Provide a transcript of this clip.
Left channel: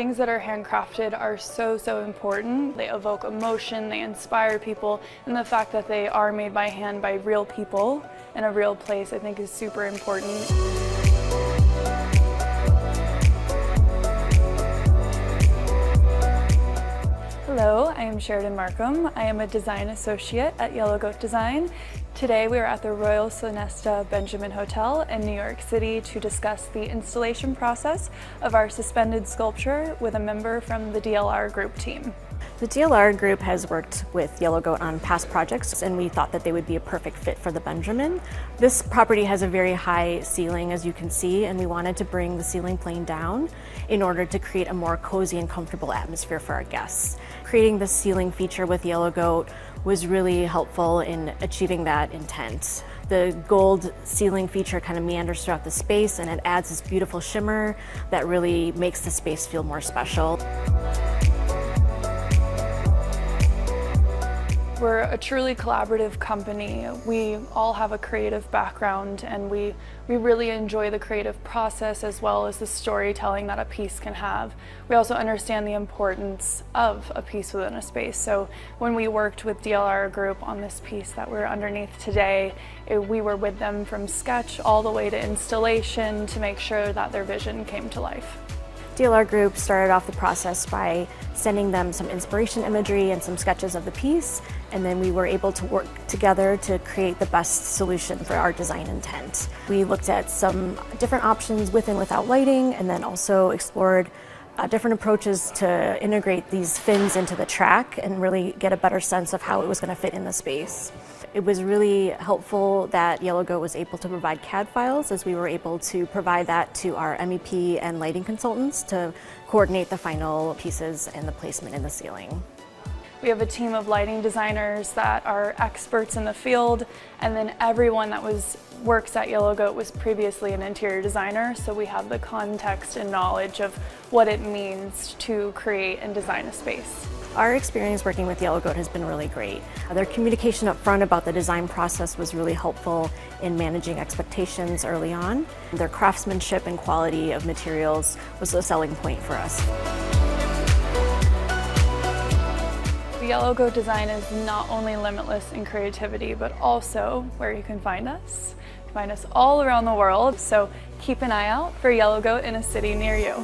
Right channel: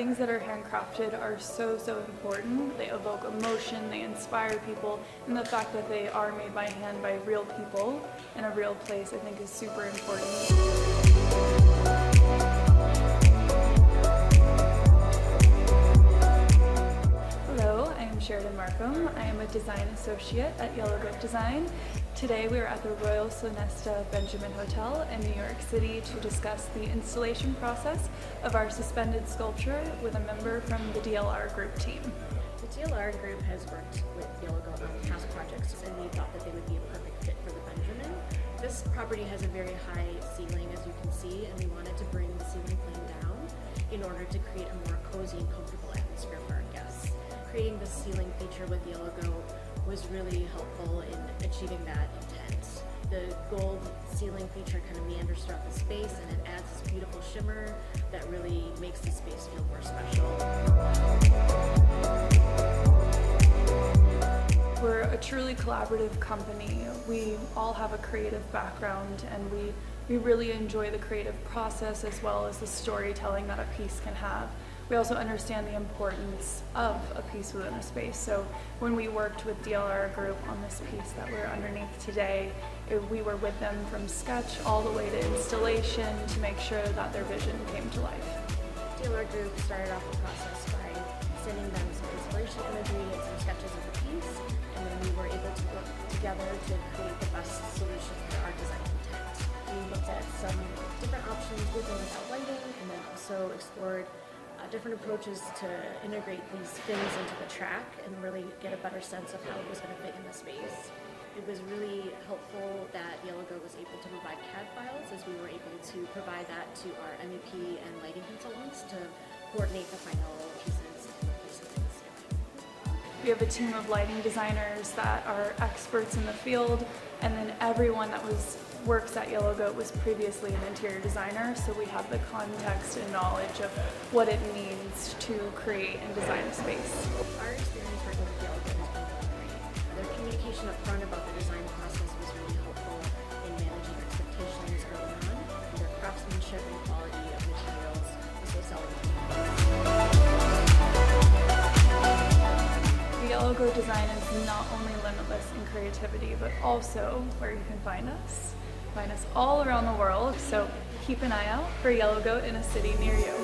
Things that are handcrafted are so important. They evoke emotion, they inspire people, and the fact that they are made by hand by real people in a real place I think is super important. Hello, I am Sheridan Markham. I am a design associate at Yellow Goat Design. Today we are at the Royal Sonesta Benjamin Hotel in New York City to discuss the installation process of our suspended sculpture with a member from the DLR Group team. The DLR Group has worked with Yellow Goat on past projects, and we thought that they would be a perfect fit for the Benjamin. This property has a very high ceiling, as you can see, and we wanted to bring the ceiling plane down in order to create a more cozy and comfortable atmosphere for our guests. Creating the ceiling feature with Yellow Goat was really helpful in achieving that intent. The gold ceiling feature kind of meanders throughout the space, and it adds this beautiful shimmer that really makes the space feel more special. We're a truly collaborative company. We all have a creative background, and we really enjoy the creative process as well as the storytelling that a piece can have. We also understand the importance of a piece within a space. So when we worked with DLR Group on this piece that we're underneath today, we were with them from sketch all the way to installation to make sure that their vision came to life. DLR Group started off the process by sending them some inspiration imagery and some sketches of the piece, and then we were able to work together to create the best solution for our design intent. We looked at some different options with and without lighting, and then also explored different approaches to integrate these fins into the track and really get a better sense of how it was going to fit in the space. It was really helpful that Yellow Goat was able to provide CAD files, as we were able to provide that to our MEP and lighting consultants to coordinate the final pieces and the placement in the ceiling. We have a team of lighting designers that are experts in the field, and then everyone that works at Yellow Goat was previously an interior designer, so we have the context and knowledge of what it means to create and design a space. Our experience working with Yellow Goat has been really great. Their communication up front about the design process was really helpful in managing expectations early on. Their craftsmanship and quality of materials was a selling point for us. Yellow Goat Design is not only limitless in creativity, but also where you can find us. Find us all around the world, so keep an eye out for Yellow Goat in a city near you.